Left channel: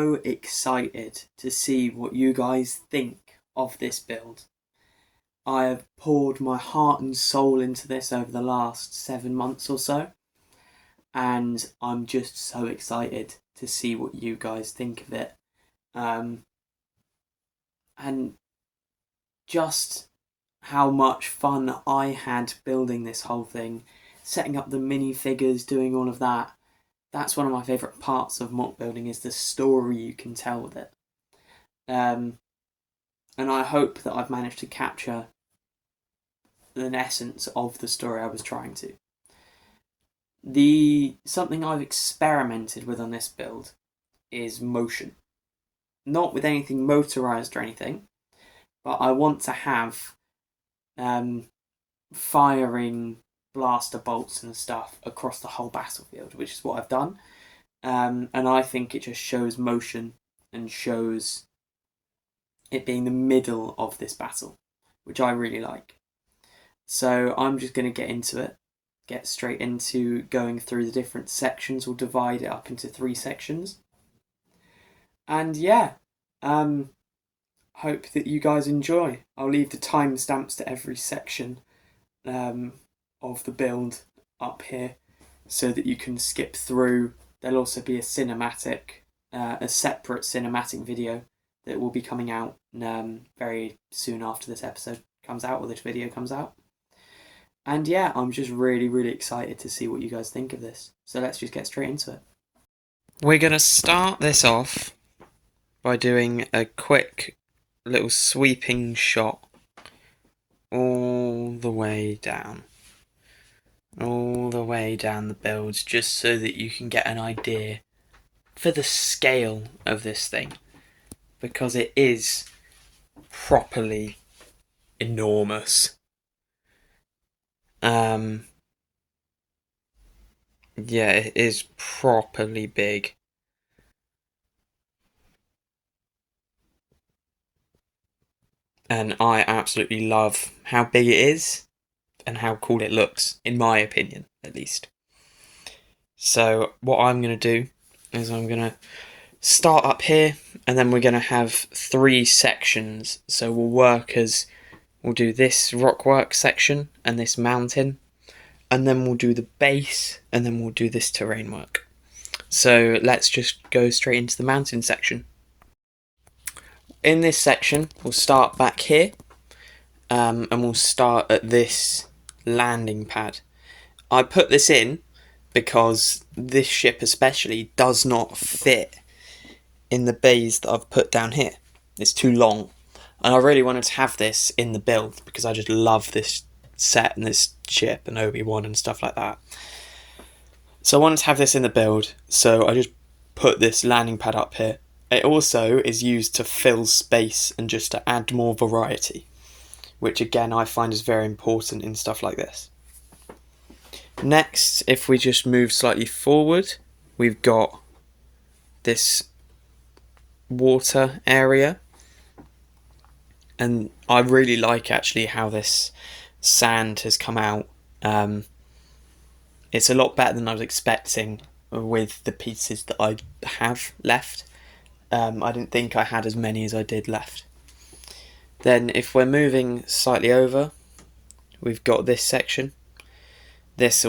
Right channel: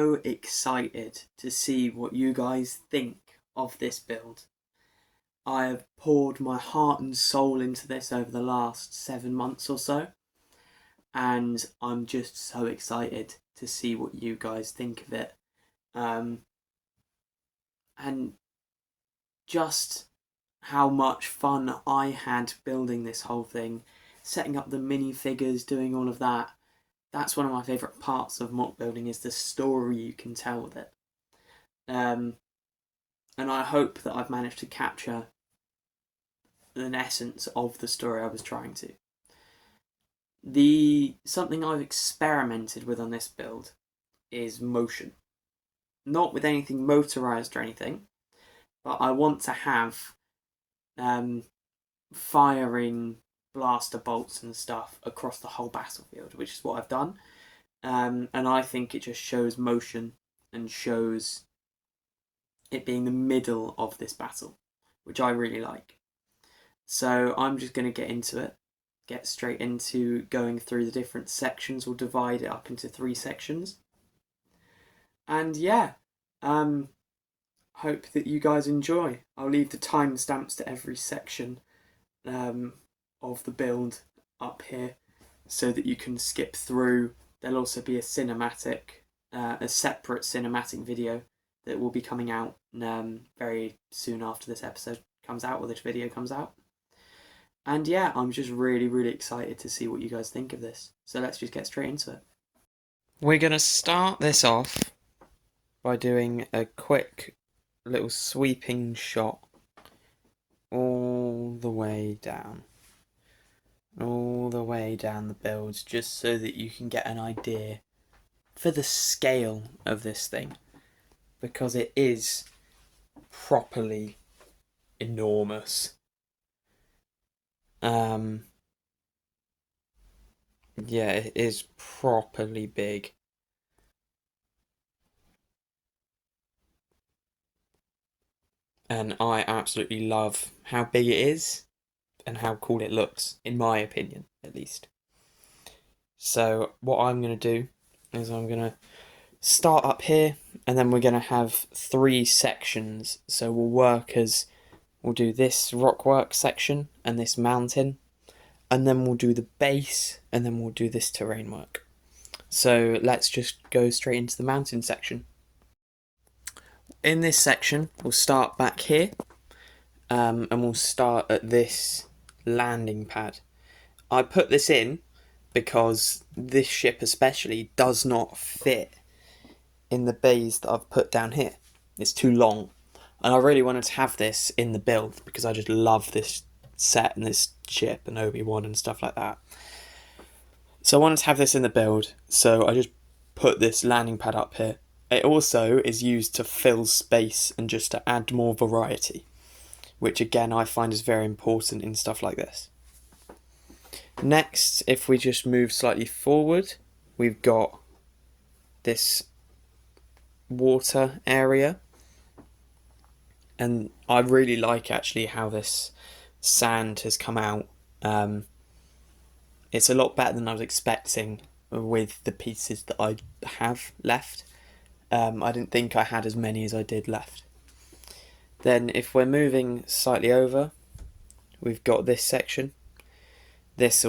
so excited to see what you guys think of this build. I have poured my heart and soul into this over the last 7 months or so, and I'm just so excited to see what you guys think of it. And just how much fun I had building this whole thing, setting up the minifigures, doing all of that. That's one of my favourite parts of MOC building, is the story you can tell with it. And I hope that I've managed to capture an essence of the story I was trying to. Something I've experimented with on this build is motion. Not with anything motorised or anything, but I want to have firing blaster bolts and stuff across the whole battlefield, which is what I've done. And I think it just shows motion and shows it being the middle of this battle, which I really like. So I'm just going to get straight into going through the different sections. We'll divide it up into 3 sections. And yeah, hope that you guys enjoy. I'll leave the timestamps to every section of the build up here so that you can skip through. There'll also be a separate cinematic video that will be coming out very soon after this episode comes out, or this video comes out. And yeah, I'm just really, really excited to see what you guys think of this. So let's just get straight into it. We're going to start this off by doing a quick little sweeping shot all the way down the builds, just so that you can get an idea for the scale of this thing, because it is properly enormous. Yeah, it is properly big. And I absolutely love how big it is and how cool it looks, in my opinion, at least. So what I'm going to do is I'm going to start up here, and then we're going to have 3 sections. So we'll do this rockwork section and this mountain, and then we'll do the base, and then we'll do this terrain work. So let's just go straight into the mountain section. In this section, we'll start back here, and we'll start at this landing pad. I put this in because this ship especially does not fit in the bays that I've put down here. It's too long, and I really wanted to have this in the build because I just love this set and this ship and Obi-Wan and stuff like that. So I wanted to have this in the build, so I just put this landing pad up here. It also is used to fill space and just to add more variety, which again I find is very important in stuff like this. Next, if we just move slightly forward, we've got this water area, and I really like actually how this sand has come out. It's a lot better than I was expecting with the pieces that I have left. I didn't think I had as many as I did left. Then if we're moving slightly over, we've got this section. This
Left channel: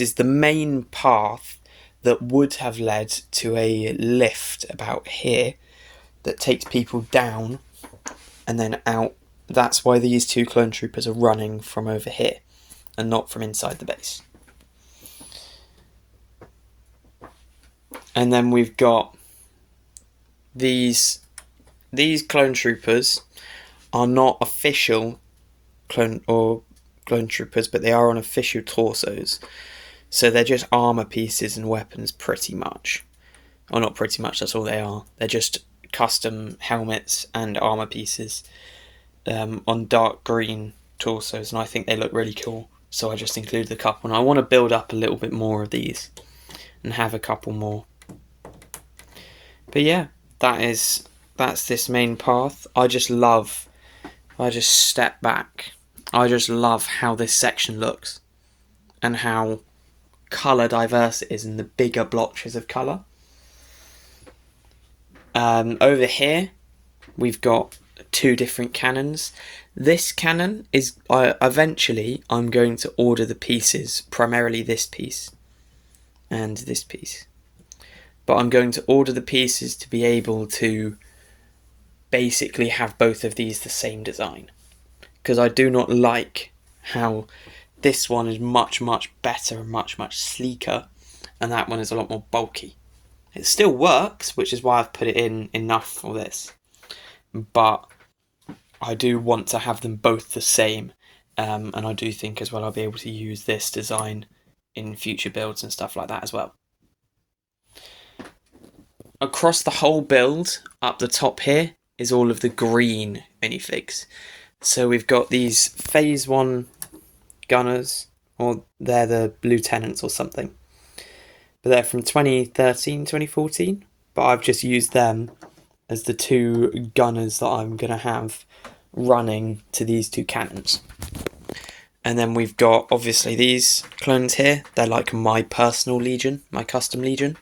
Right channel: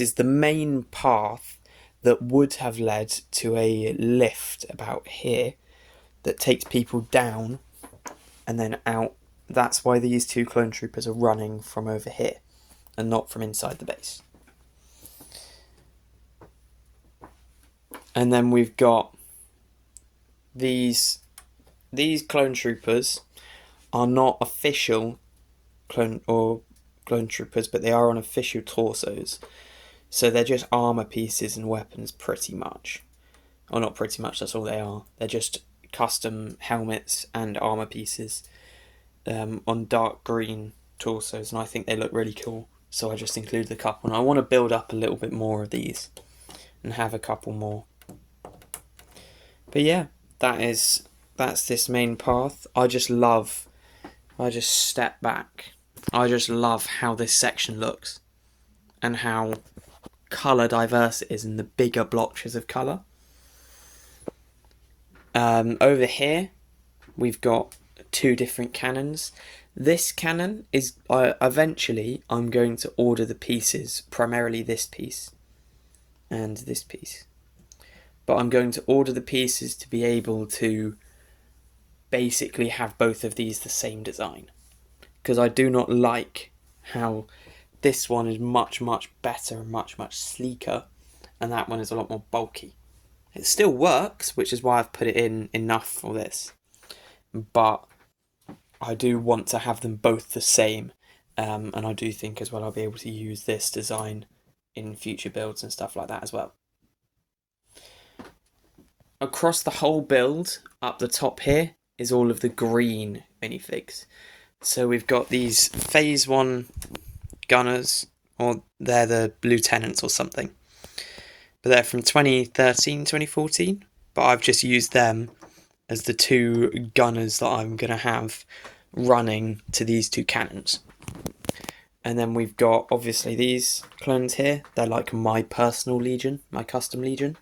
is the main path that would have led to a lift about here that takes people down and then out. That's why these 2 clone troopers are running from over here and not from inside the base. And then we've got these clone troopers are not official clone troopers, but they are on official torsos. So they're just armor pieces and weapons, pretty much. Or not pretty much, that's all they are. They're just custom helmets and armor pieces on dark green torsos, and I think they look really cool. So I just included a couple, and I want to build up a little bit more of these and have a couple more. But yeah, that's this main path. I just step back. I just love how this section looks and how colour diverse it is in the bigger blotches of colour. Over here, we've got 2 different cannons. This cannon is, eventually, I'm going to order the pieces, primarily this piece and this piece. But I'm going to order the pieces to be able to basically have both of these the same design. Because I do not like how this one is much, much better and much, much sleeker, and that one is a lot more bulky. It still works, which is why I've put it in enough for this. But I do want to have them both the same, and I do think as well I'll be able to use this design in future builds and stuff like that as well. Across the whole build, up the top here, is all of the green minifigs. So we've got these Phase 1 gunners, or they're the lieutenants or something. But they're from 2013, 2014. But I've just used them as the 2 gunners that I'm going to have running to these 2 cannons. And then we've got, obviously, these clones here. They're like my personal legion, my custom legion.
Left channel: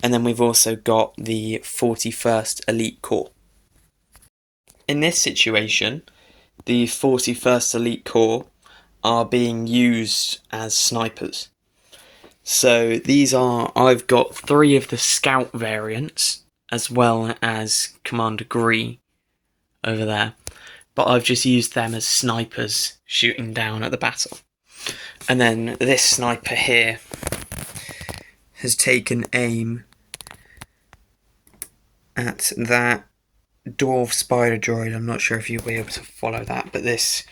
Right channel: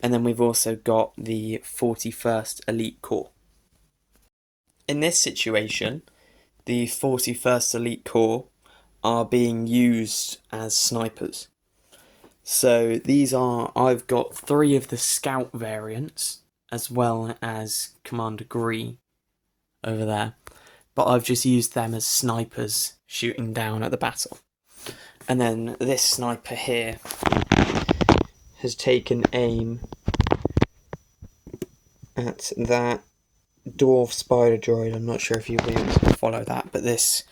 And then we've also got the 41st Elite Corps. In this situation, the 41st Elite Corps are being used as snipers. So these are, I've got 3 of the Scout variants, as well as Commander Gree over there. But I've just used them as snipers shooting down at the battle. And then this sniper here has taken aim at that dwarf spider droid. I'm not sure if you'll be able to follow that, but this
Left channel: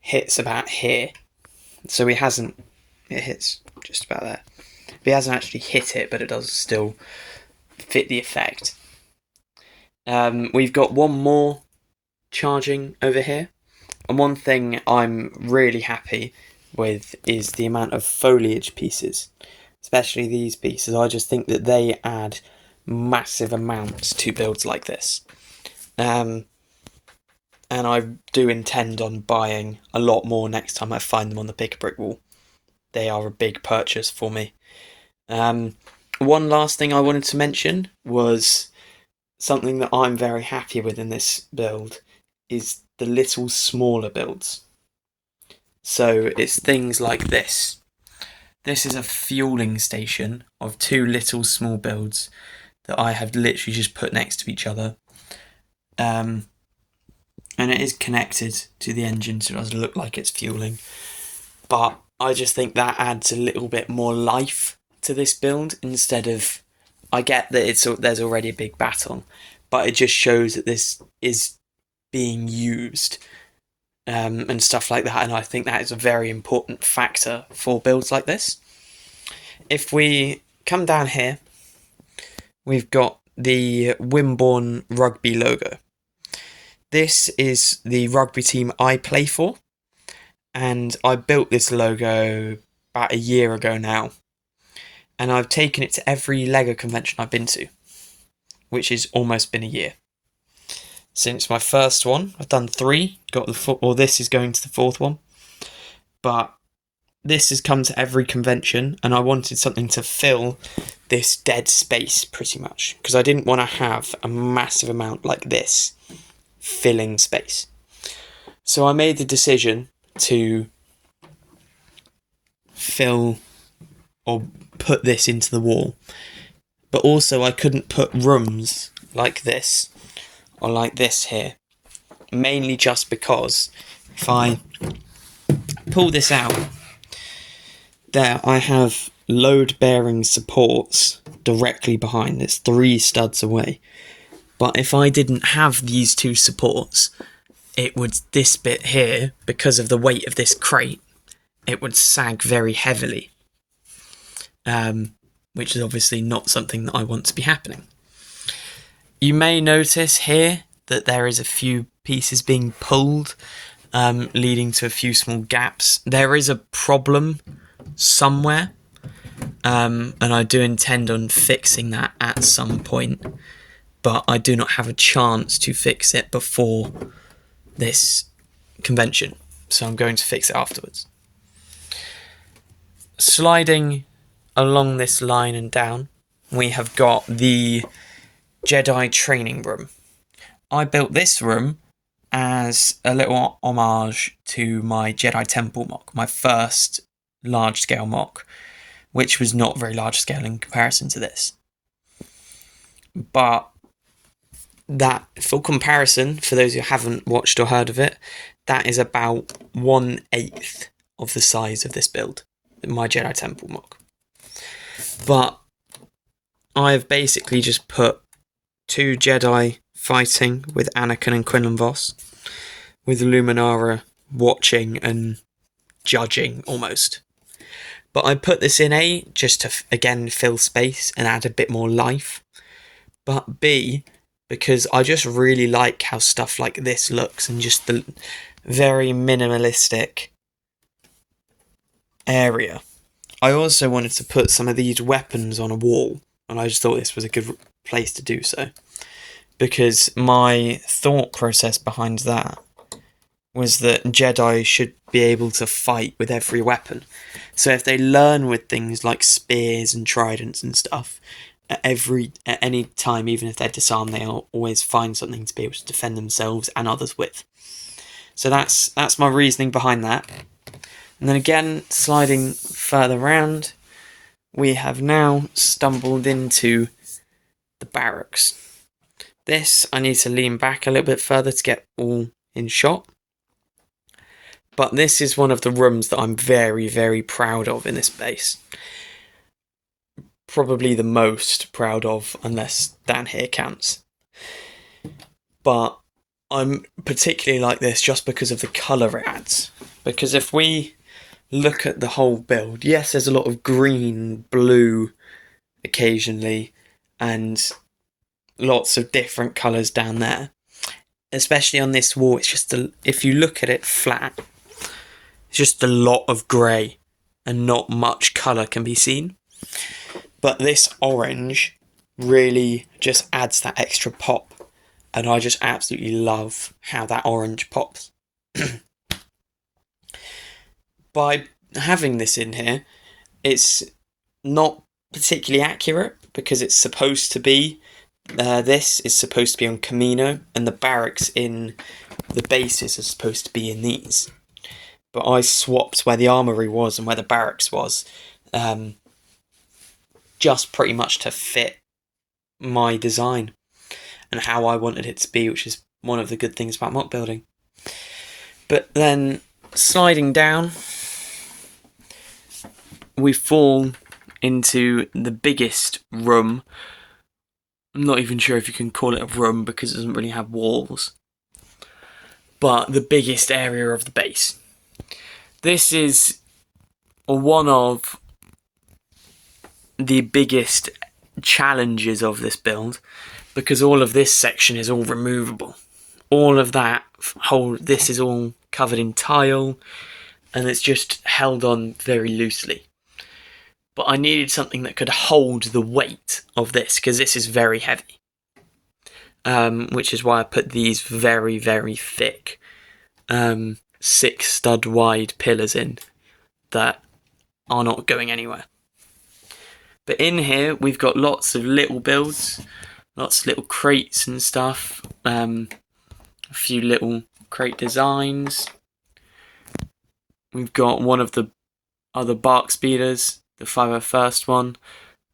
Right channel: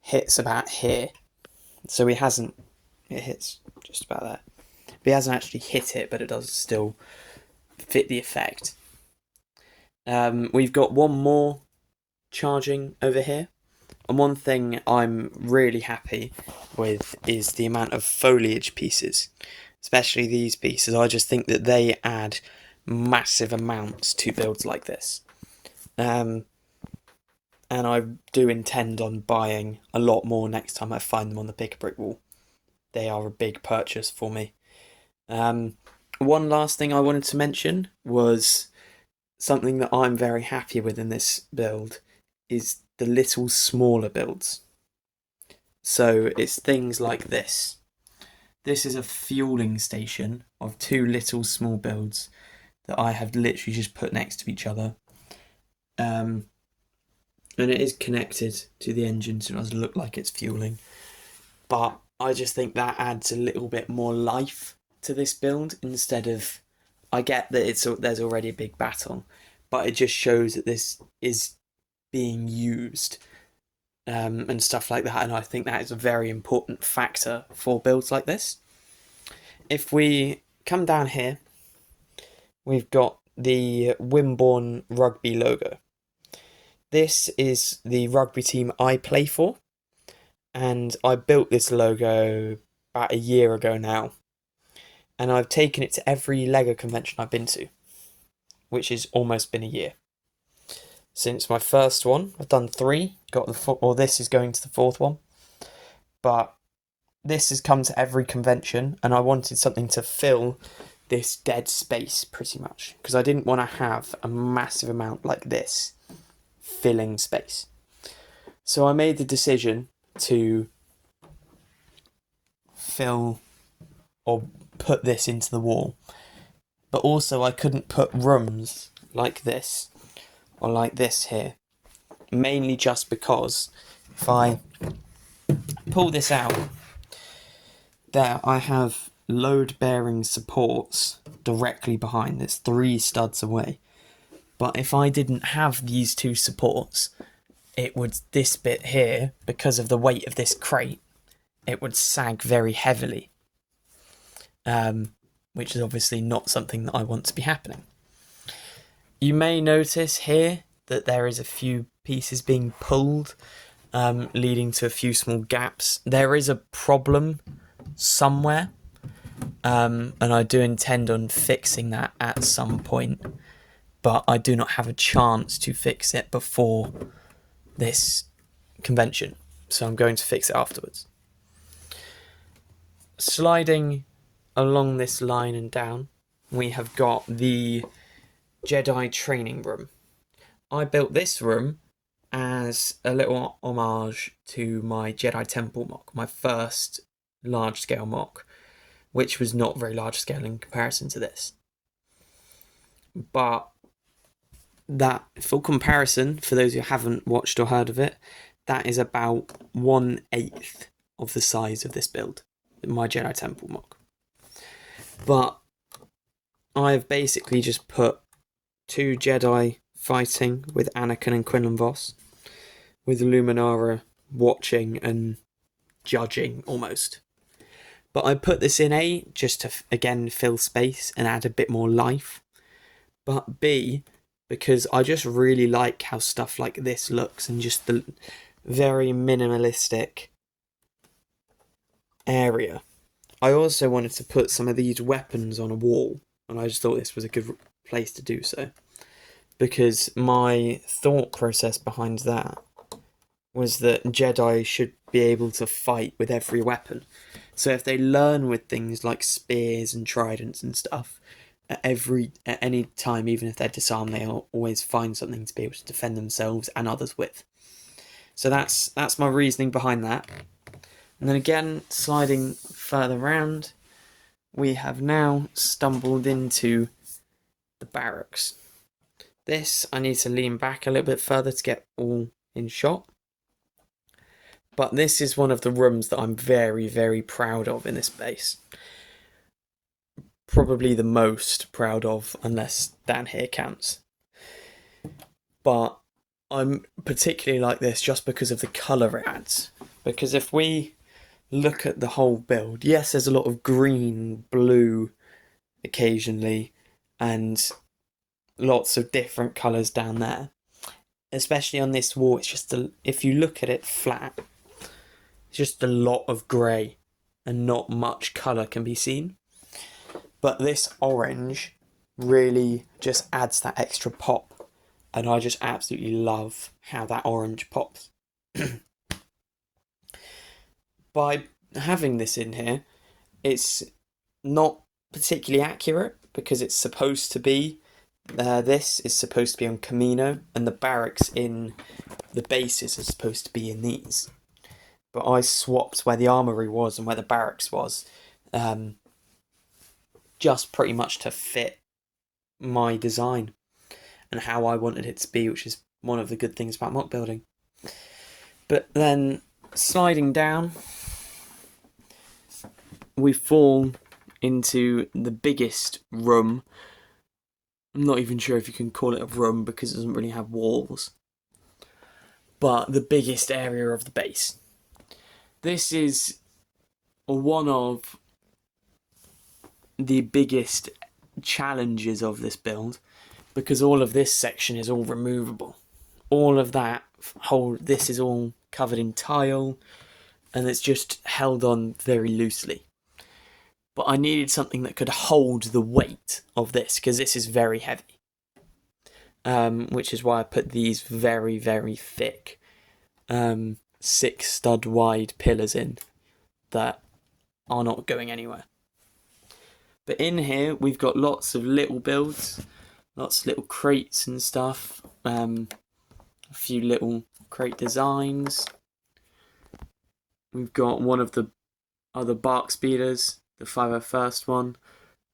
hits about here. So it hits just about there. He hasn't actually hit it, but it does still fit the effect. We've got 1 more charging over here. And one thing I'm really happy with is the amount of foliage pieces. Especially these pieces. I just think that they add massive amounts to builds like this. And I do intend on buying a lot more next time I find them on the Pick a Brick Wall. They are a big purchase for me. One last thing I wanted to mention was something that I'm very happy with in this build is the little smaller builds. So it's things like this. This is a fueling station of 2 little small builds that I have literally just put next to each other. And it is connected to the engine, so it does look like it's fueling. But I just think that adds a little bit more life to this build instead of... I get that there's already a big battle, but it just shows that this is being used and stuff like that, and I think that is a very important factor for builds like this. If we come down here, we've got the Wimborne Rugby logo. This is the rugby team I play for, and I built this logo about a year ago now, and I've taken it to every LEGO convention I've been to, which has almost been a year. Since my first one, I've done 3, this is going to the 4th one, but this has come to every convention, and I wanted something to fill this dead space pretty much, because I didn't want to have a massive amount like this filling space. So I made the decision to fill or put this into the wall, but also I couldn't put rooms like this or like this here, mainly just because if I pull this out, there I have load bearing supports directly behind this, 3 studs away. But if I didn't have these 2 supports, this bit here, because of the weight of this crate, it would sag very heavily. Which is obviously not something that I want to be happening. You may notice here that there is a few pieces being pulled, leading to a few small gaps. There is a problem somewhere, and I do intend on fixing that at some point, but I do not have a chance to fix it before this convention, so I'm going to fix it afterwards. Sliding along this line and down, we have got the Jedi training room. I built this room as a little homage to my Jedi Temple mock, my first large-scale mock, which was not very large-scale in comparison to this. But that, for comparison, for those who haven't watched or heard of it, that is about 1/8 of the size of this build, my Jedi Temple mock. But I've basically just put 2 Jedi fighting with Anakin and Quinlan Vos, with Luminara watching and judging almost. But I put this in A just to, again, fill space and add a bit more life. But B, because I just really like how stuff like this looks and just the very minimalistic area. I also wanted to put some of these weapons on a wall, and I just thought this was a good place to do so. Because my thought process behind that was that Jedi should be able to fight with every weapon. So if they learn with things like spears and tridents and stuff, at any time, even if they're disarmed, they'll always find something to be able to defend themselves and others with. So that's my reasoning behind that. And then again, sliding further around, we have now stumbled into the barracks. This, I need to lean back a little bit further to get all in shot. But this is one of the rooms that I'm very, very proud of in this base. Probably the most proud of, unless down here counts. But I'm particularly like this just because of the colour it adds. Because if we look at the whole build, yes, there's a lot of green, blue occasionally, and lots of different colours down there. Especially on this wall, it's just if you look at it flat, it's just a lot of grey and not much colour can be seen. But this orange really just adds that extra pop, and I just absolutely love how that orange pops. By having this in here, it's not particularly accurate because it's supposed to be this is supposed to be on Camino, and the barracks in the bases are supposed to be in these. But I swapped where the armory was and where the barracks was, just pretty much to fit my design and how I wanted it to be, which is one of the good things about mock building. But then sliding down, we fall into the biggest room. I'm not even sure if you can call it a room because it doesn't really have walls, but the biggest area of the base. This is one of the biggest challenges of this build, because all of this section is all removable. All of that this is all covered in tile, and it's just held on very loosely. But I needed something that could hold the weight of this, because this is very heavy. Which is why I put these very, very thick 6 stud wide pillars in that are not going anywhere. But in here we've got lots of little builds, lots of little crates and stuff, a few little crate designs. We've got one of the other bark speeders, the 501st one,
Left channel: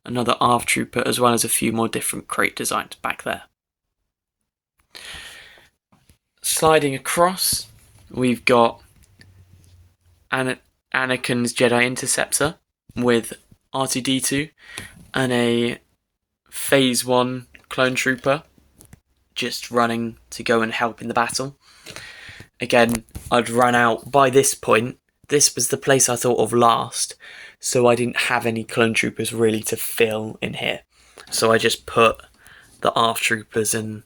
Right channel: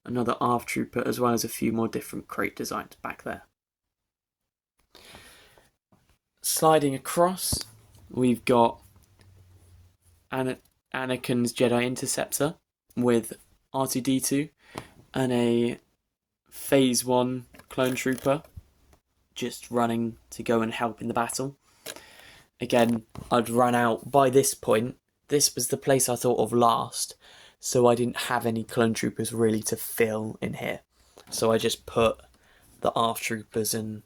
another ARF trooper, as well as a few more different crate designs back there. Sliding across, we've got Anakin's Jedi Interceptor with R2-D2 and a Phase 1 clone trooper just running to go and help in the battle. Again, I'd run out by this point. This was the place I thought of last, so I didn't have any clone troopers really to fill in here. So I just put the ARF troopers and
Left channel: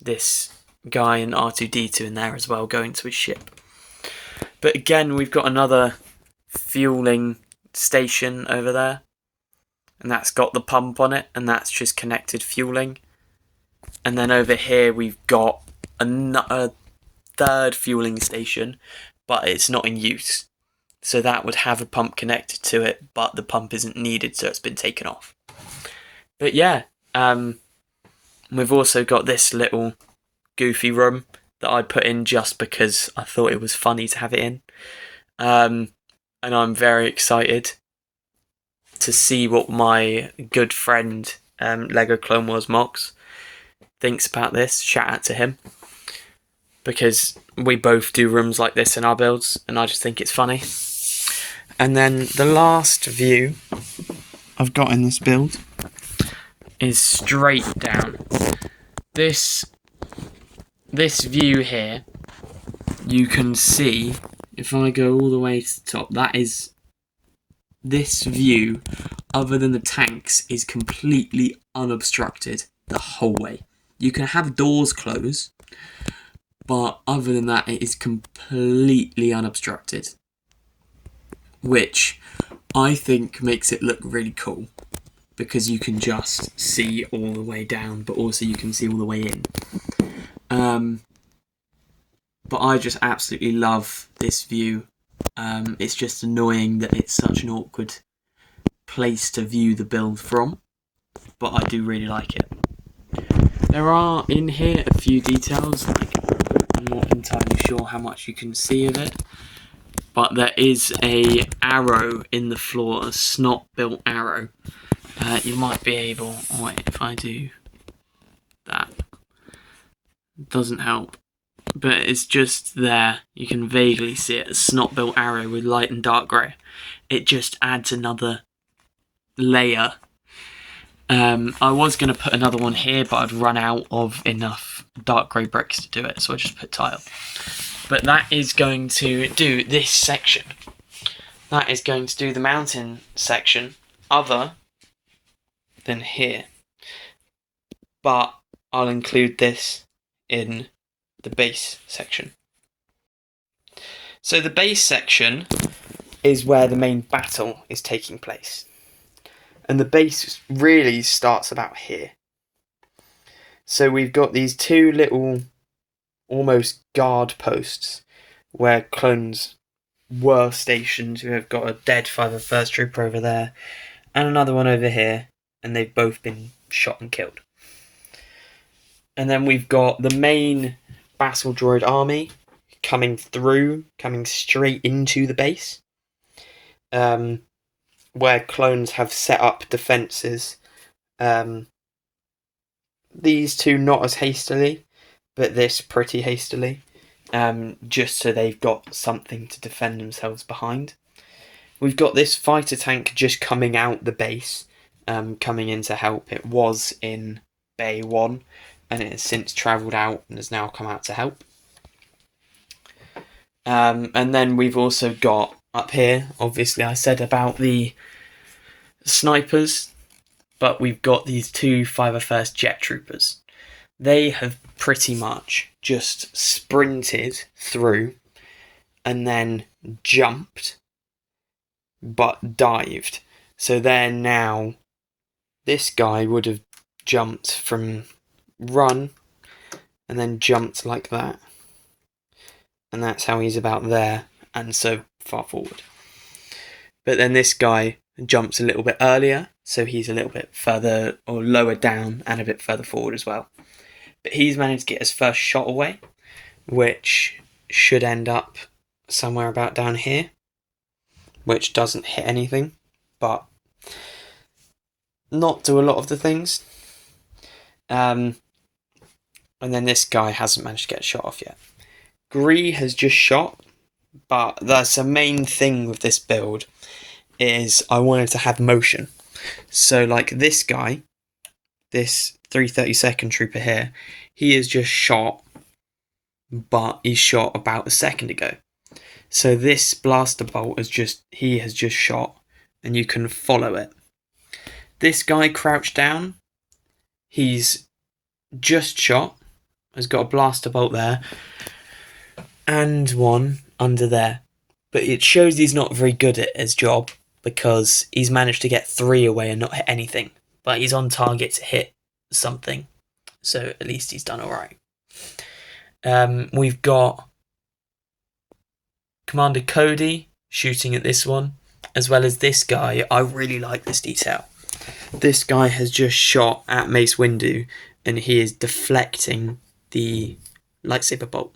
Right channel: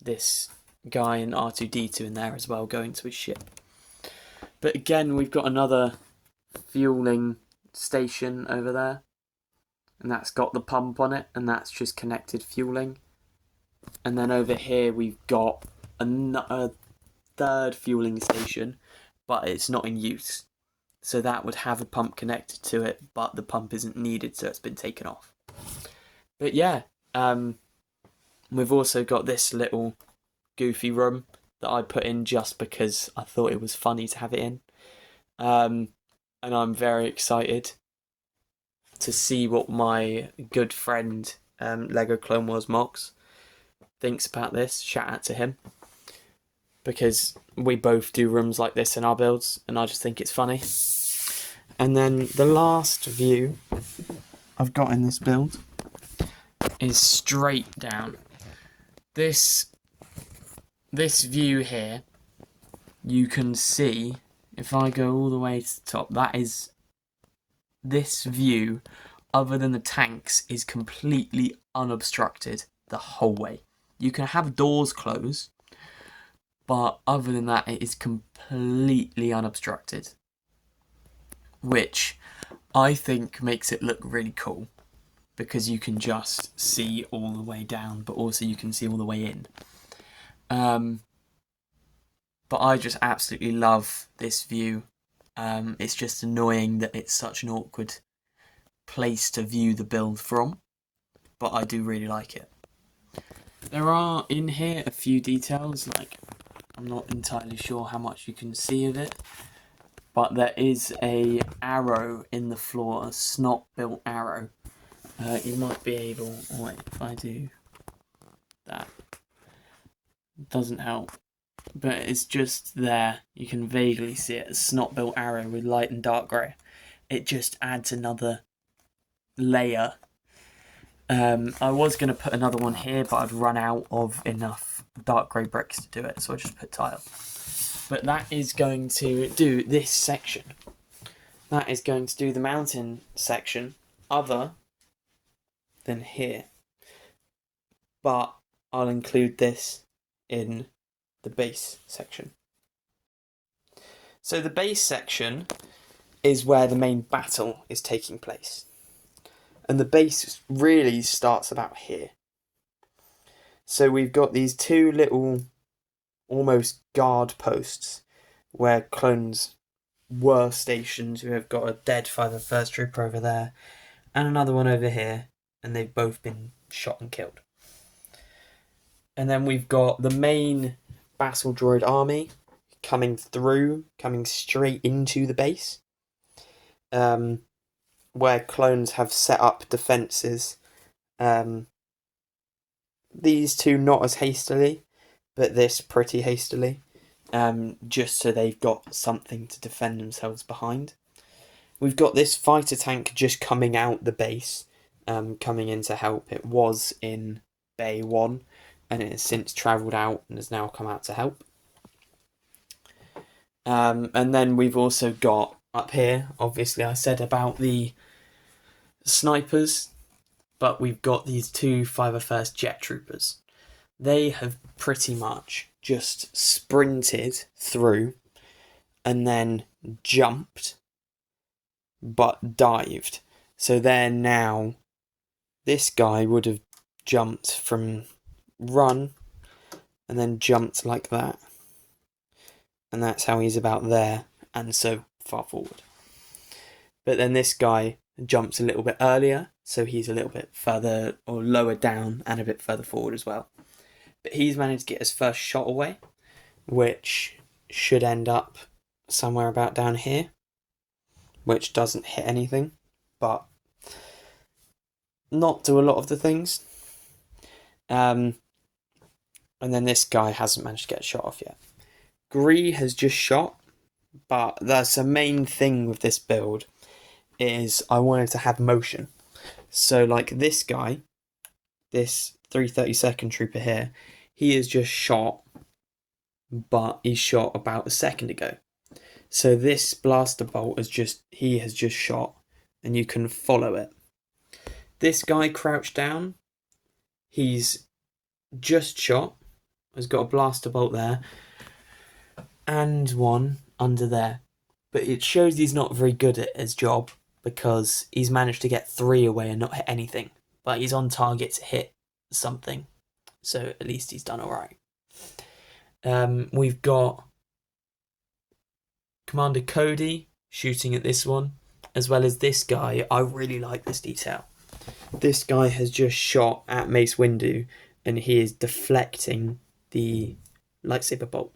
this guy and R2-D2 in there as well, going to his ship. But again, we've got another fueling station over there, and that's got the pump on it, and that's just connected fueling. And then over here we've got a third fueling station, but it's not in use. So that would have a pump connected to it, but the pump isn't needed, so it's been taken off. But yeah, We've also got this little goofy room that I put in just because I thought it was funny to have it in. And I'm very excited to see what my good friend Lego Clone Wars Mox thinks about this. Shout out to him, because we both do rooms like this in our builds and I just think it's funny. And then the last view I've got in this build is straight down. This view here, you can see, if I go all the way to the top, that is, this view, other than the tanks, is completely unobstructed the whole way. You can have doors close, but other than that, it is completely unobstructed, which I think makes it look really cool, because you can just see all the way down, but also you can see all the way in. But I just absolutely love this view. It's just annoying that it's such an awkward place to view the build from, but I do really like it. There are in here a few details, like I'm not entirely sure how much you can see of it, but there is a arrow in the floor, a snot-built arrow. You might be able, wait, if I do that, doesn't help, but it's just there. You can vaguely see it, a snot-built arrow with light and dark grey. It just adds another layer. I was going to put another one here, but I'd run out of enough dark grey bricks to do it, so I just put tile. But that is going to do this section. That is going to do the mountain section, other than here. But I'll include this in the base section. So the base section is where the main battle is taking place. And the base really starts about here. So we've got these two little almost guard posts where clones were stationed. We have got a dead 501st trooper over there and another one over here, and they've both been shot and killed. And then we've got the main battle droid army coming straight into the base, where clones have set up defences. These two not as hastily, but this pretty hastily, just so they've got something to defend themselves behind. We've got this fighter tank just coming out the base, coming in to help. It was in Bay 1, and it has since travelled out and has now come out to help. And then we've also got up here, obviously I said about the snipers, but we've got these two 501st jet troopers. They have pretty much just sprinted through and then jumped, but dived. So they're now, this guy would have jumped from run and then jumped like that. And that's how he's about there and so far forward. But then this guy jumps a little bit earlier, so he's a little bit further or lower down and a bit further forward as well. But he's managed to get his first shot away, which should end up somewhere about down here, which doesn't hit anything, but not do a lot of the things. And then this guy hasn't managed to get a shot off yet. Gree has just shot, but that's the main thing with this build, is I wanted to have motion. So like this guy, this 332nd trooper here, he has just shot, but he shot about a second ago. So this blaster bolt has just shot, and you can follow it. This guy crouched down, he's just shot, has got a blaster bolt there, and one under there. But it shows he's not very good at his job, because he's managed to get 3 away and not hit anything. But he's on target to hit something, so at least he's done alright. We've got Commander Cody shooting at this one, as well as this guy. I really like this detail. This guy has just shot at Mace Windu and he is deflecting the lightsaber bolt.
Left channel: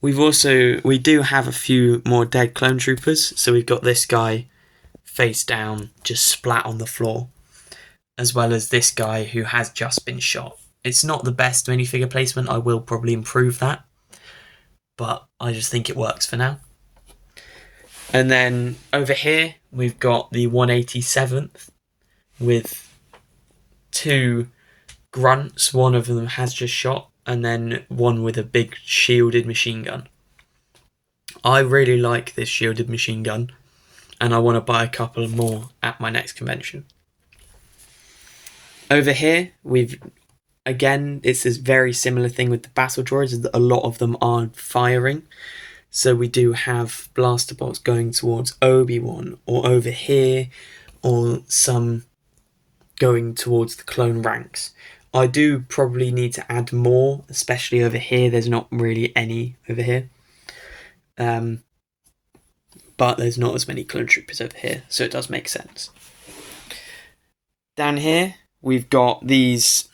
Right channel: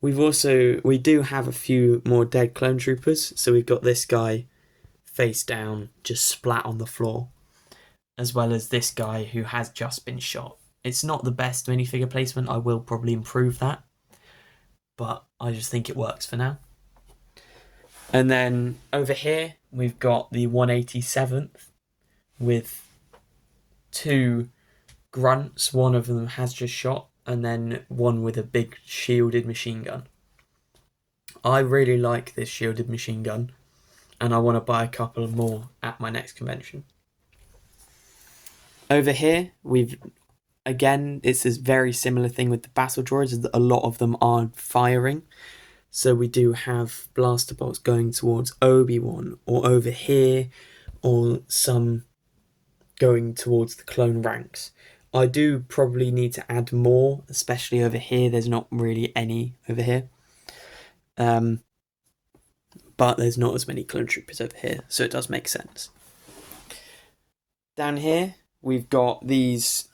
We do have a few more dead clone troopers, so we've got this guy face down, just splat on the floor, as well as this guy who has just been shot. It's not the best minifigure placement, I will probably improve that, but I just think it works for now. And then over here, we've got the 187th with two grunts. One of them has just shot, and then one with a big shielded machine gun. I really like this shielded machine gun, and I want to buy a couple more at my next convention. Over here, it's this very similar thing with the battle droids, that a lot of them are firing. So we do have blaster bolts going towards Obi-Wan, or over here, or some going towards the clone ranks. I do probably need to add more, especially over here. There's not really any over here. But there's not as many clone troopers over here, so it does make sense. Down here, we've got these,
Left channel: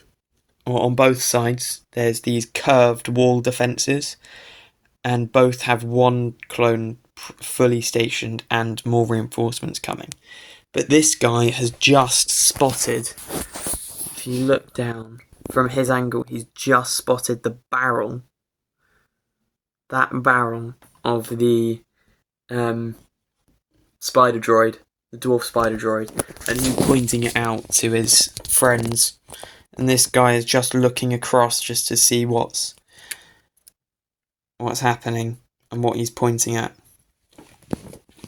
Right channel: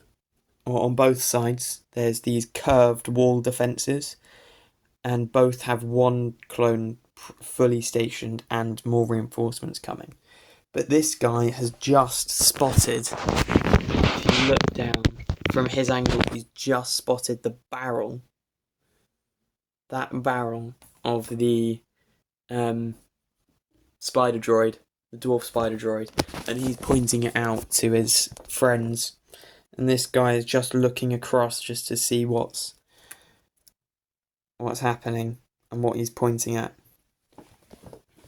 or on both sides, there's these curved wall defences, and both have one clone fully stationed and more reinforcements coming. But this guy has just spotted, if you look down from his angle, he's just spotted the barrel, that barrel of the spider droid, the dwarf spider droid, and he's pointing it out to his friends. And this guy is just looking across just to see what's happening and what he's pointing at.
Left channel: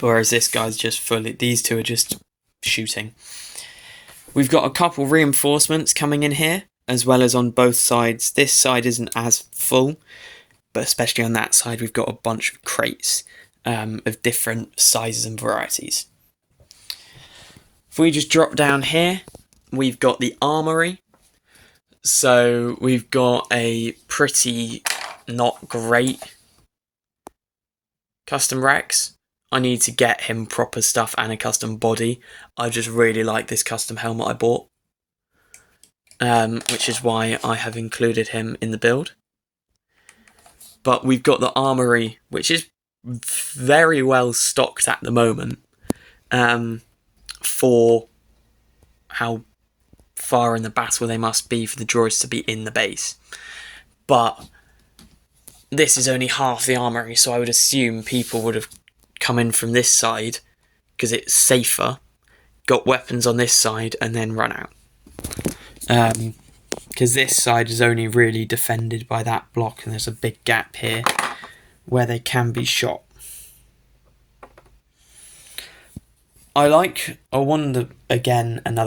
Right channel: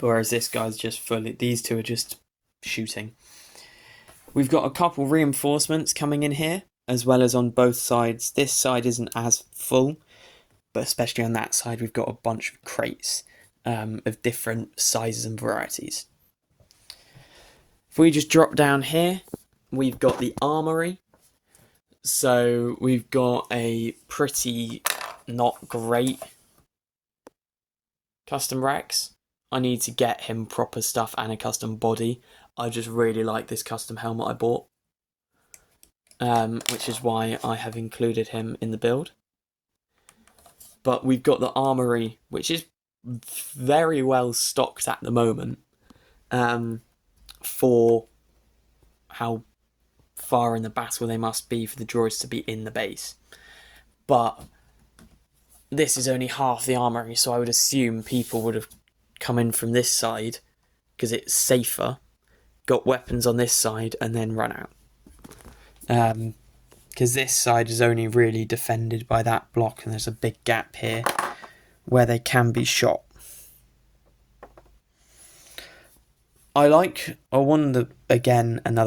Whereas this guy's just these two are just shooting. We've got a couple reinforcements coming in here, as well as on both sides. This side isn't as full, but especially on that side, we've got a bunch of crates of different sizes and varieties. If we just drop down here, we've got the armory. So we've got a pretty not great custom Rex. I need to get him proper stuff and a custom body. I just really like this custom helmet I bought, which is why I have included him in the build. But we've got the armory, which is very well stocked at the moment, for how far in the battle they must be for the droids to be in the base. But this is only half the armory, so I would assume people would have come in from this side because it's safer, got weapons on this side, and then run out. Because this side is only really defended by that block, and there's a big gap here where they can be shot. Another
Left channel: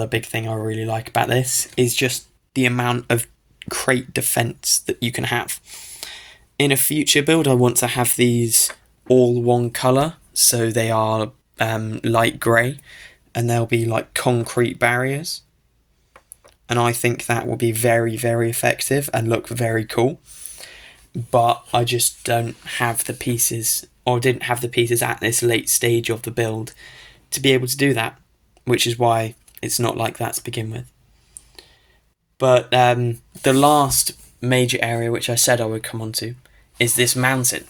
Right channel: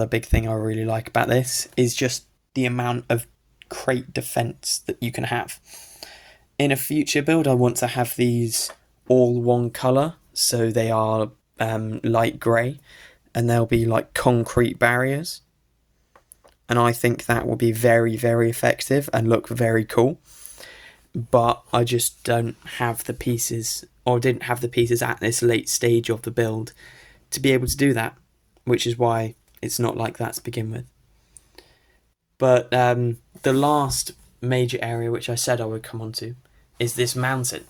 big thing I really like about this is just the amount of crate defense that you can have. In a future build, I want to have these all one color, so they are light grey, and they'll be like concrete barriers. And I think that will be very, very effective and look very cool. But I just don't have the pieces, or didn't have the pieces at this late stage of the build to be able to do that, which is why it's not like that to begin with. But the last major area, which I said I would come on to, is this mountain.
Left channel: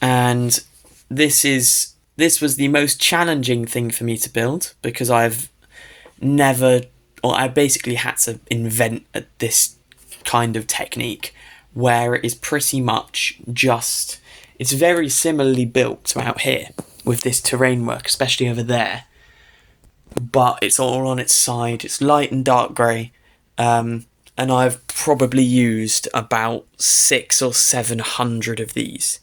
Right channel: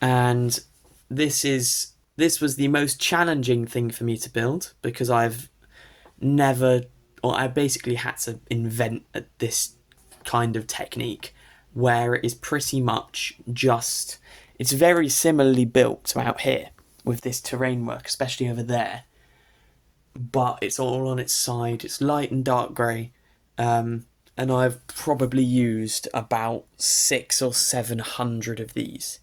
And this was the most challenging thing for me to build, because I basically had to invent this kind of technique where it is pretty much just, it's very similarly built to out here with this terrain work, especially over there, but it's all on its side. It's light and dark grey, and I've probably used about 600 or 700 of these.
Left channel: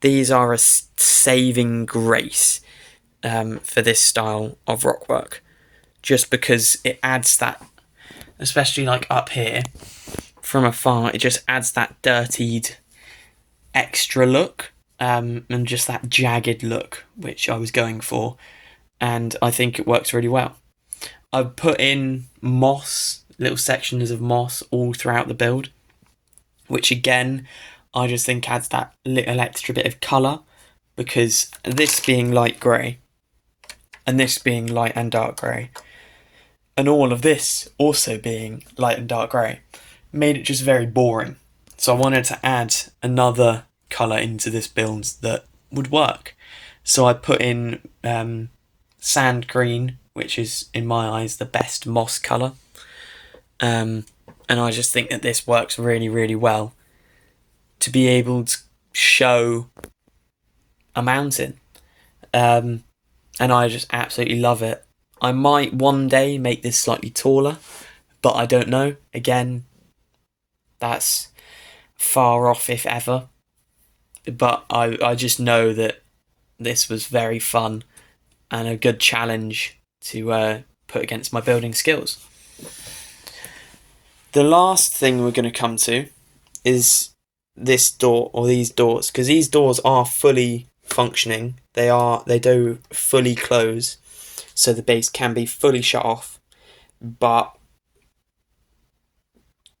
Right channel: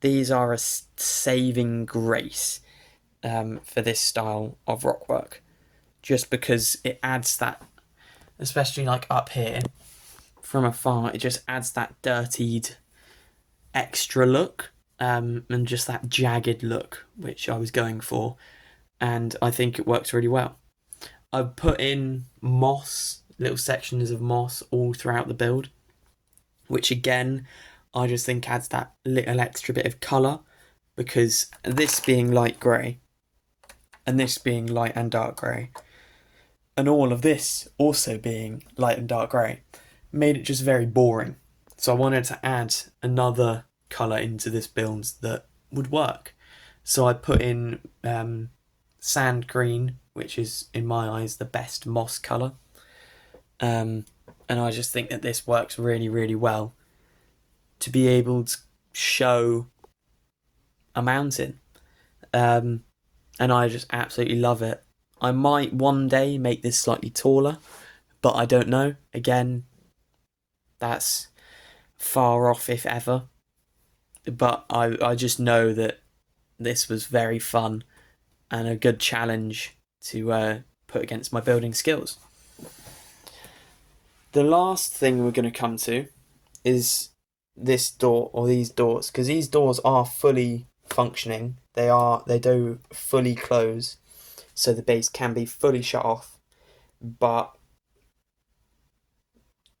These are a saving grace for this style of rock work, just because it adds that, especially like up here from afar, it just adds that dirtied extra look, and just that jagged look which I was going for, and I think it works really well. I've put in moss, little sections of moss all throughout the build, which again I just think adds that little extra bit of colour, because this being light grey and this being light and dark grey, And all of this also being light and dark grey made it just very boring. So I wanted to add another colour into this build that would work. So I put in sand green, which is in my eyes the best moss colour. And I just think that this works really, really well to be able to show a mountain. And I just absolutely love it. I might one day make this slightly taller, but I don't know. Again, that's far off if ever. But I just know that this was very fun and a good challenge to put against my building skills. The last thing we're going to come to is this door, or these doors, because these doors are fully functioning. They do fully close, so the base can be fully shut off, but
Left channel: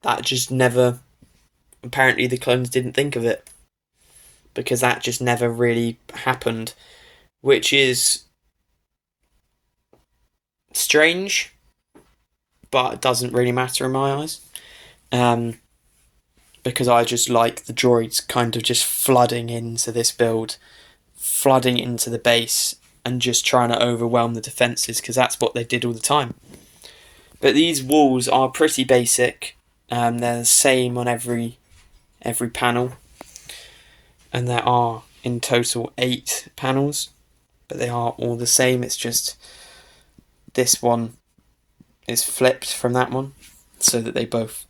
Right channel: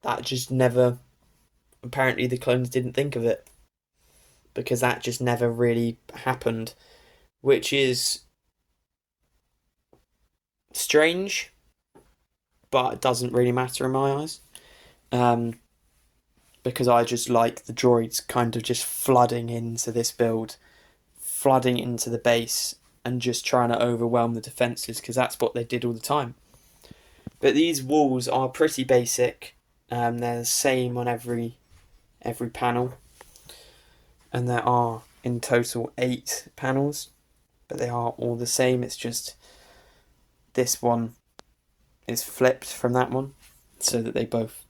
that just never, apparently the clones didn't think of it, because that just never really happened, which is strange, but it doesn't really matter in my eyes, because I just like the droids kind of just flooding into this build, flooding into the base, and just trying to overwhelm the defences, because that's what they did all the time. But these walls are pretty basic. They're the same on every panel, and there are in total 8 panels, but they are all the same. It's just this one is flipped from that one so that they both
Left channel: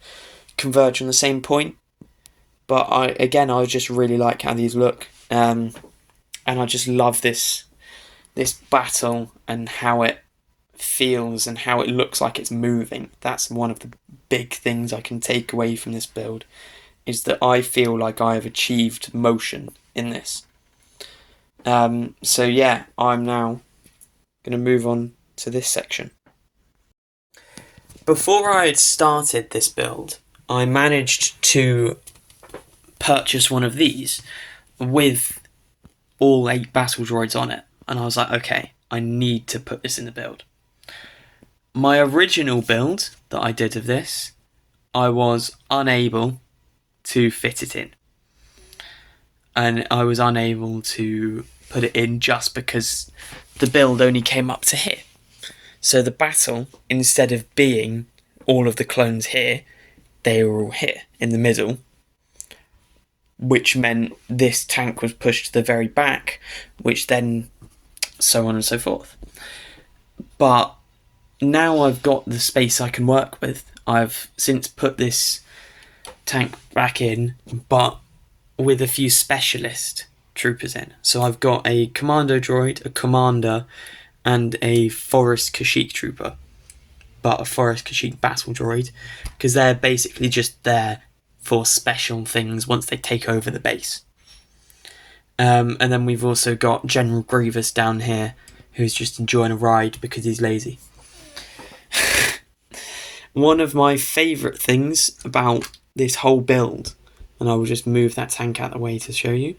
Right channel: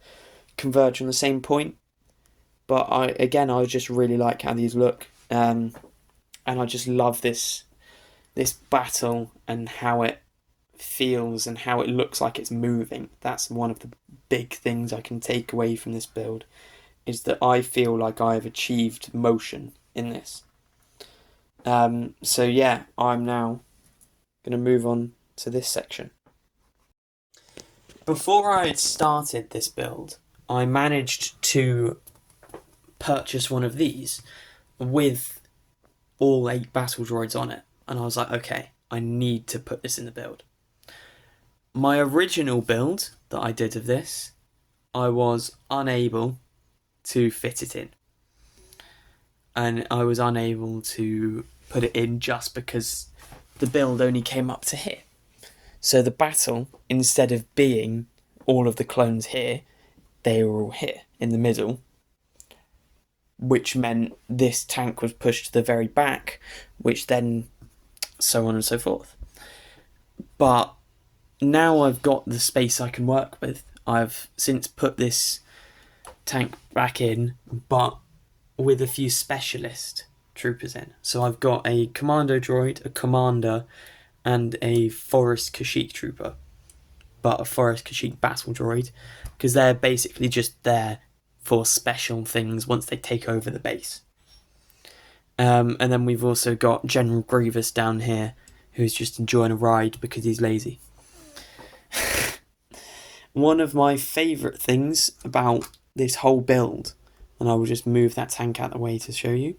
converge on the same point. But I just really like how these look, and I just love this battle and how it feels and how it looks like it's moving. That's one of the big things I can take away from this build, is that I feel like I have achieved motion in this. So yeah, I'm now going to move on to this section. Before I had started this build, I managed to purchase one of these with all 8 battle droids on it, and I was like, okay, I need to put this in the build. My original build that I did of this, I was unable to fit it in, and I was unable to put it in just because the build only came up to here. So the battle, instead of being all of the clones here, they were all here in the middle, which meant this tank was pushed to the very back, which then so on and so forth. But now I've got the space I can work with. I've since put this tank back in, but with a few specialist troopers in. So I've got a commando droid, a commander, and a Forest Kashyyyk trooper, but a Forest Kashyyyk battle droid, because they're basically just there for special things once they take over the base. And then we've also got General Grievous down here, who's just enjoying a ride because he's lazy. One of my favourite things about this whole build, and I will just move that tank out of the way to show you,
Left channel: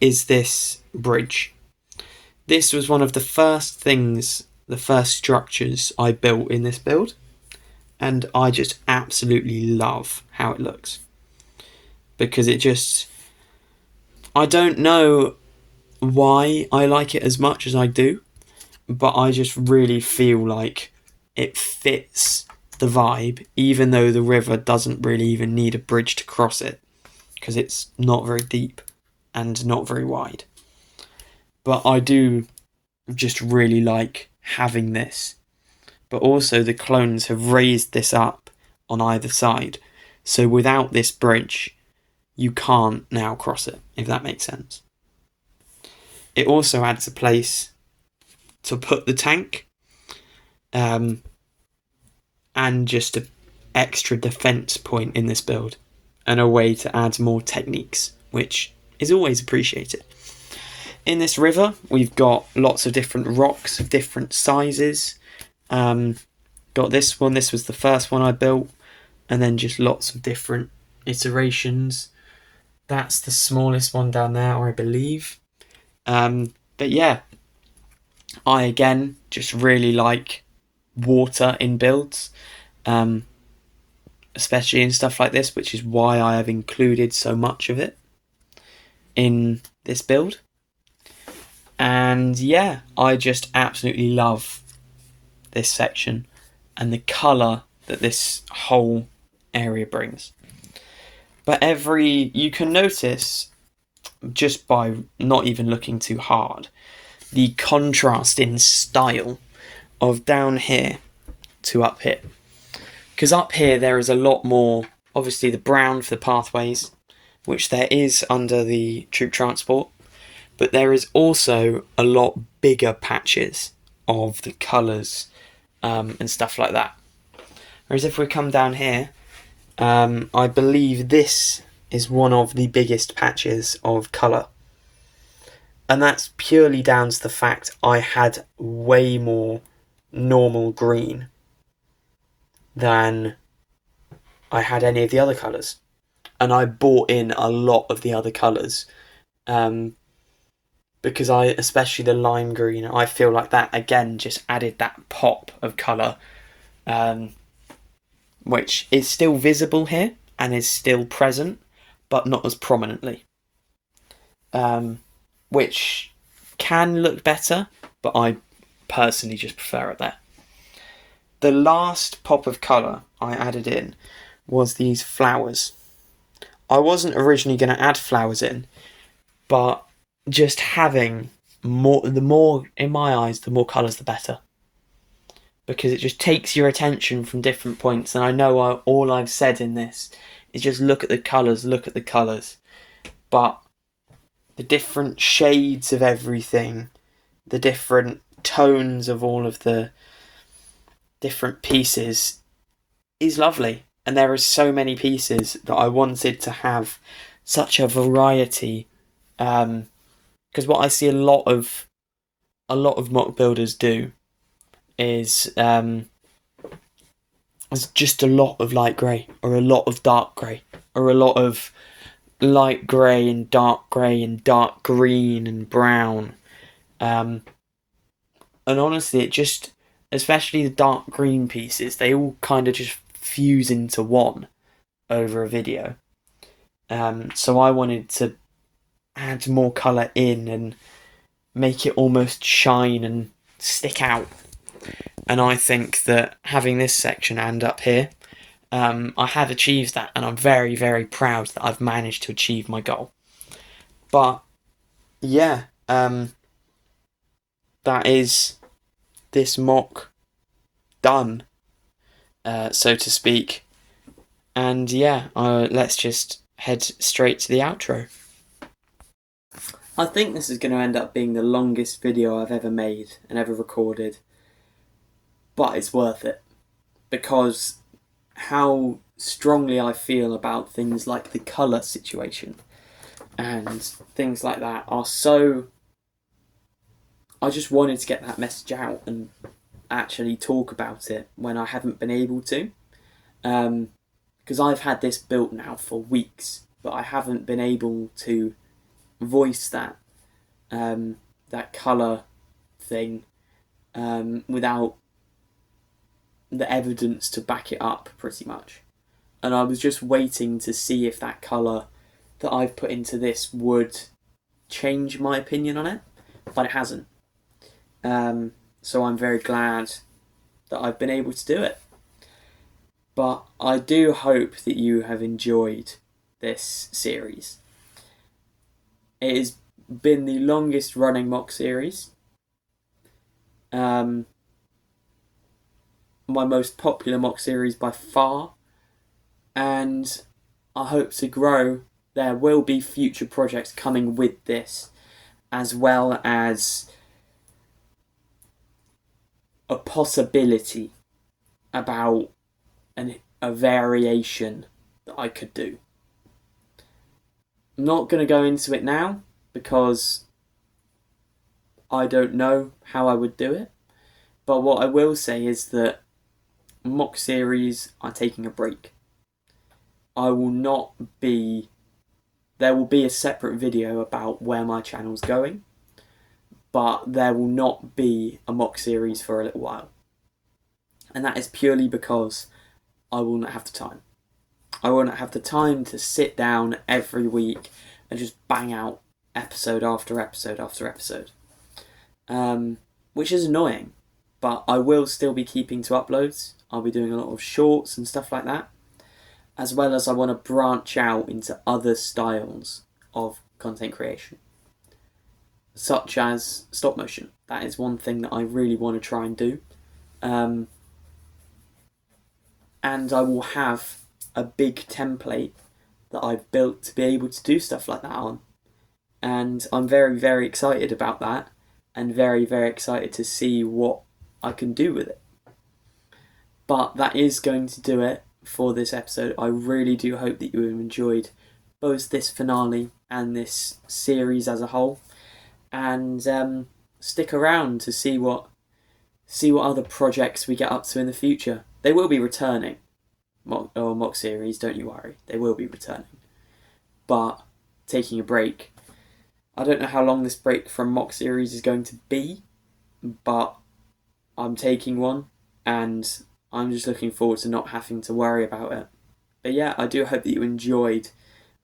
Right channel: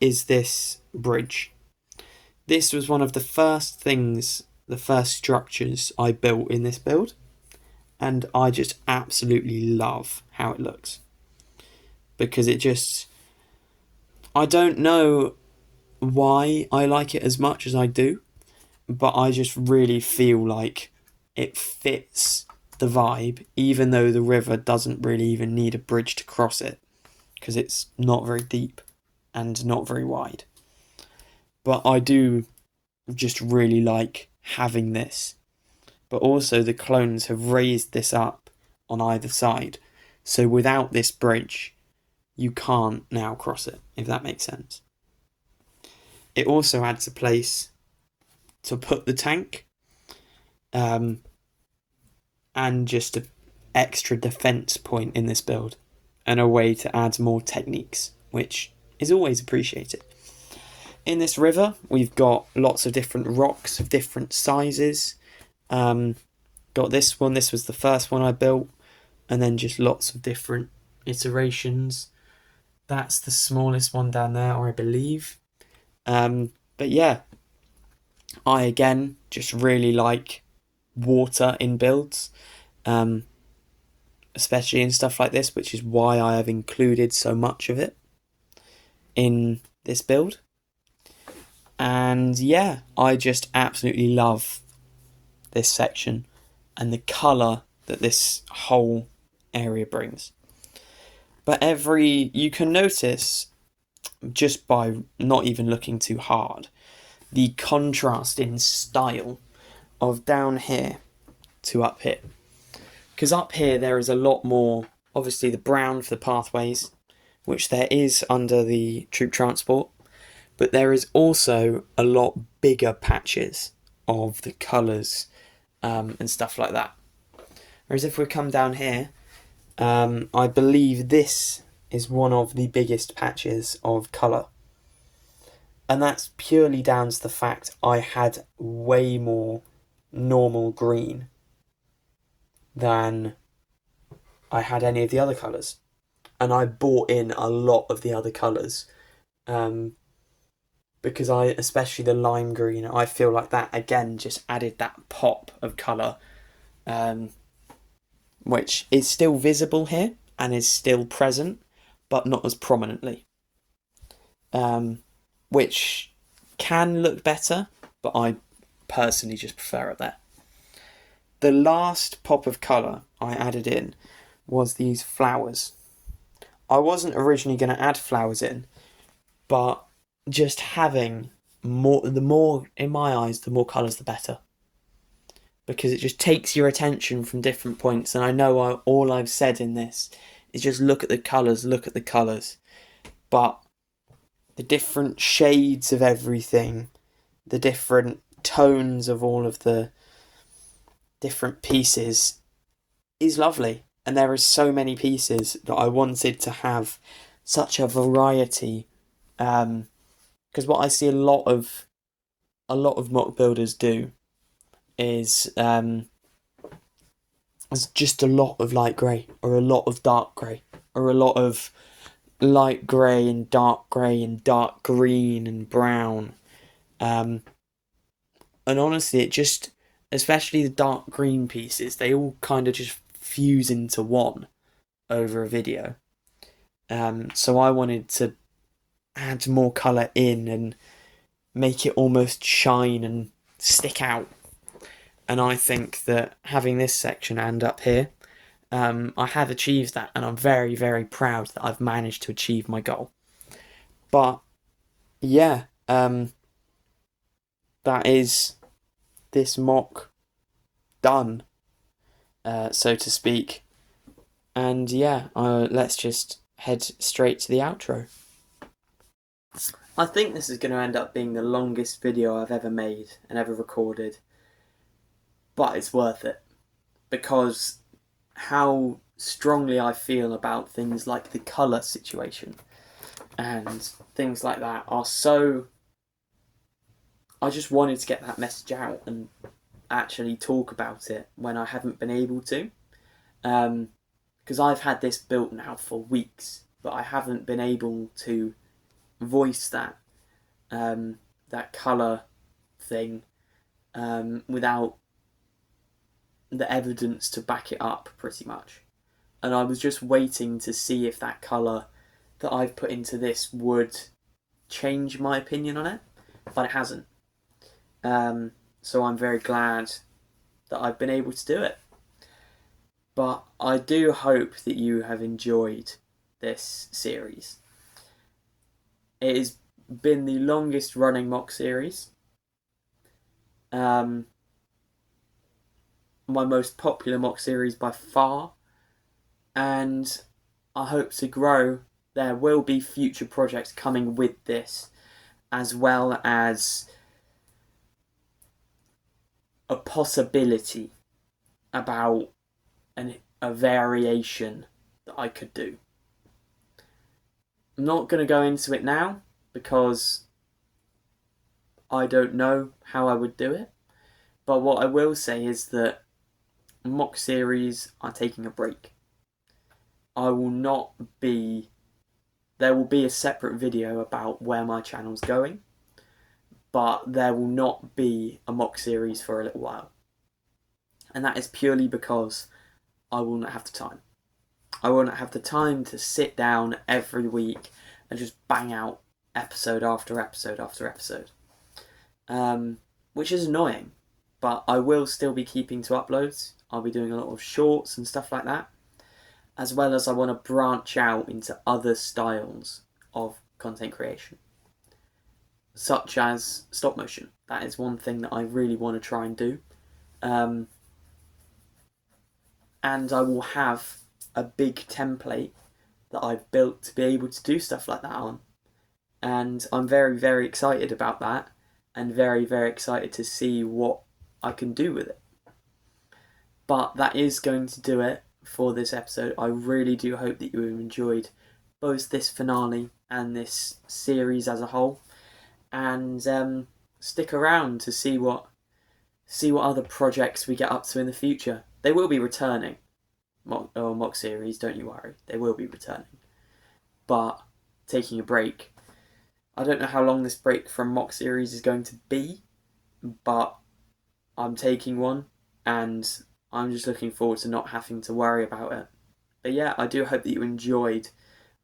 is this bridge. This was one of the first things, the first structures I built in this build, and I just absolutely love how it looks. Because it just, I don't know why I like it as much as I do, but I just really feel like it fits the vibe, even though the river doesn't really even need a bridge to cross it, because it's not very deep and not very wide. But I do just really like having this. But also the clones have raised this up on either side, so without this bridge you can't now cross it, if that makes sense. It also adds a place to put the tank, and just an extra defense point in this build, and a way to add more techniques, which is always appreciated. In this river, we've got lots of different rocks of different sizes. Got this one, this was the first one I built, and then just lots of different iterations. That's the smallest one down there, I believe. But yeah, I again just really like water in builds, especially in stuff like this, which is why I have included so much of it in this build. And yeah, I just absolutely love this section and the colour that this whole area brings. But you can notice, just by not even looking too hard, the contrast in style of down here to up here. Because up here there is a lot more, obviously the brown for the pathways, which there is under the troop transport, but there is also a lot bigger patches of the colours and stuff like that. Whereas if we come down here, I believe this is one of the biggest patches of colour. And that's purely down to the fact I had way more normal green than I had any of the other colours. And I bought in a lot of the other colours. Because especially the lime green, I feel like that again just added that pop of colour. Which is still visible here and is still present, but not as prominently. Which can look better, but I personally just prefer it there. The last pop of colour I added in was these flowers. I wasn't originally going to add flowers in, but just having the more, in my eyes, the more colours the better. Because it just takes your attention from different points, and I know all I've said in this is just look at the colours, but the different shades of everything, the different tones of all of the different pieces is lovely. And there are so many pieces that I wanted to have such a variety, because what I see a lot of mock builders do is just a lot of light grey, or a lot of dark grey, or a lot of light grey and dark green and brown. And honestly, it just, especially the dark green pieces, they all kind of just fuse into one over a video. So I wanted to add more colour in and make it almost shine and stick out. And I think that having this section and up here, I have achieved that, and I'm very, very proud that I've managed to achieve my goal. But yeah, that is this mock done, so to speak. And yeah, let's just head straight to the outro. I think this is going to end up being the longest video I've ever made and ever recorded. But it's worth it, because how strongly I feel about things like the colour situation and things like that are so... I just wanted to get that message out and actually talk about it when I haven't been able to. Because I've had this built now for weeks, but I haven't been able to voice that colour thing without the evidence to back it up, pretty much. And I was just waiting to see if that colour that I've put into this would change my opinion on it, but it hasn't. So I'm very glad that I've been able to do it. But I do hope that you have enjoyed this series. It has been the longest running mock series. My most popular mock series by far, and I hope to grow. There will be future projects coming with this, as well as a possibility about a variation that I could do. I'm not going to go into it now because I don't know how I would do it, but what I will say is that mock series are taking a break. There will be a separate video about where my channel's going, but there will not be a mock series for a little while. And that is purely because I will not have the time. I will not have the time to sit down every week and just bang out episode after episode after episode. Which is annoying, but I will still be keeping to uploads. I'll be doing a lot of shorts and stuff like that, as well as I want to branch out into other styles of content creation, such as stop motion. That is one thing that I really want to try and do. And I will have a big template that I've built to be able to do stuff like that on. And I'm very, very excited about that, and very, very excited to see what I can do with it. But that is going to do it for this episode. I really do hope that you have enjoyed both this finale and this series as a whole, and stick around to see what other projects we get up to in the future. They will be returning. Mock series, don't you worry. They will be returning. But taking a break. I don't know how long this break from mock series is going to be, but I'm taking one, and I'm just looking forward to not having to worry about it. But yeah, I do hope that you enjoyed.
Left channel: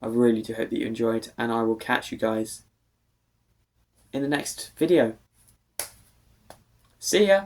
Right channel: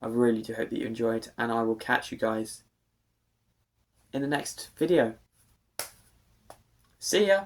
I really do hope that you enjoyed, and I will catch you guys in the next video. See ya!